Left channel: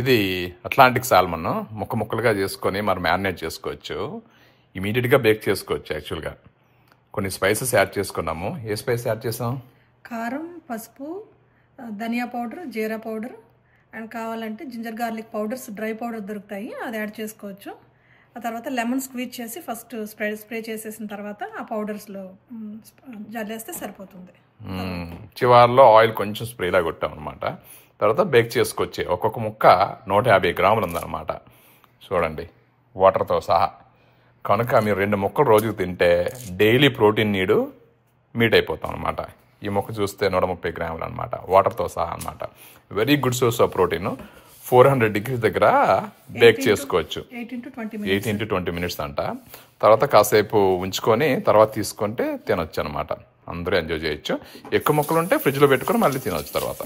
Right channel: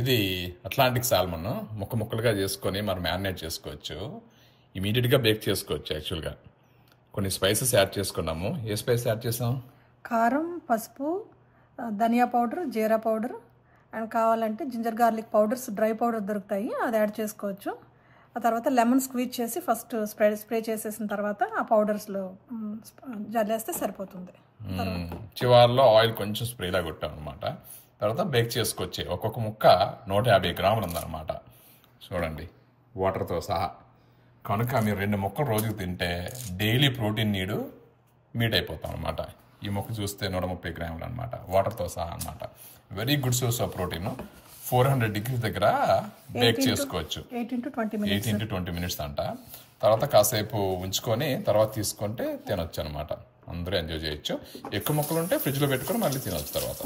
ఇది Atlantic salmon ముక్క ముక్కలుగా చేసుకొని మనం మ్యారినేట్ చేసుకోవచ్చు. ఇమీడియట్గా బేక్ చేసుకోవచ్చు. యాక్చువల్గా కొన్ని స్పైసెస్ యాడ్ చేసుకున్నాము. ఏ స్పైస్ యాడ్ చేసాం? కారం, పసుపు, ధనియా పౌడర్, జీరా పౌడర్ అండ్ కావాలంటే ginger garlic powders, dry powder దొరుకుతాయి, అది యాడ్ చేసుకోవచ్చు. ఆ తర్వాత లెమన్ స్క్వీజ్ చేసి ఫస్ట్ స్ప్రే చేసేసిన తర్వాత ఆ పౌడర్స్లో జల్లేస్తే సరిపోతుంది. చివరిలో ఆయిల్ కొంచెం స్ప్రేలా కొట్టాం అనమాట. తర్వాత బేక్ చేసుకొచ్చి ఒక్కొక్క ముక్క 150 గ్రాములు ఉందన్నమాట. చూడండి, వాటర్తో సహా. కనుక మీరు 2 ముక్కలు రోజుకు తింటే డైలీ ప్రోటీన్ నీడు మీట్ అయిపోతాం అనమాట. ఈ ముక్క చూస్తే 130 గ్రాములు అనమాట, వాటర్తో సహా అనమాట. Very good source of protein. 400 degrees దగ్గర బేక్ చేసుకోవచ్చు. 8 to 20 minutes అంట. తర్వాత కాసేపు ఉంచుకొని తర్వాత తీసుకుంటే తినొచ్చు అనమాట. అందరూ ఎంజాయ్ చేయొచ్చు. ఎక్కువ ముక్కలు ఉంటే ఫ్రిడ్జ్లో పెట్టుకొని మళ్ళీ తినొచ్చు తర్వాత.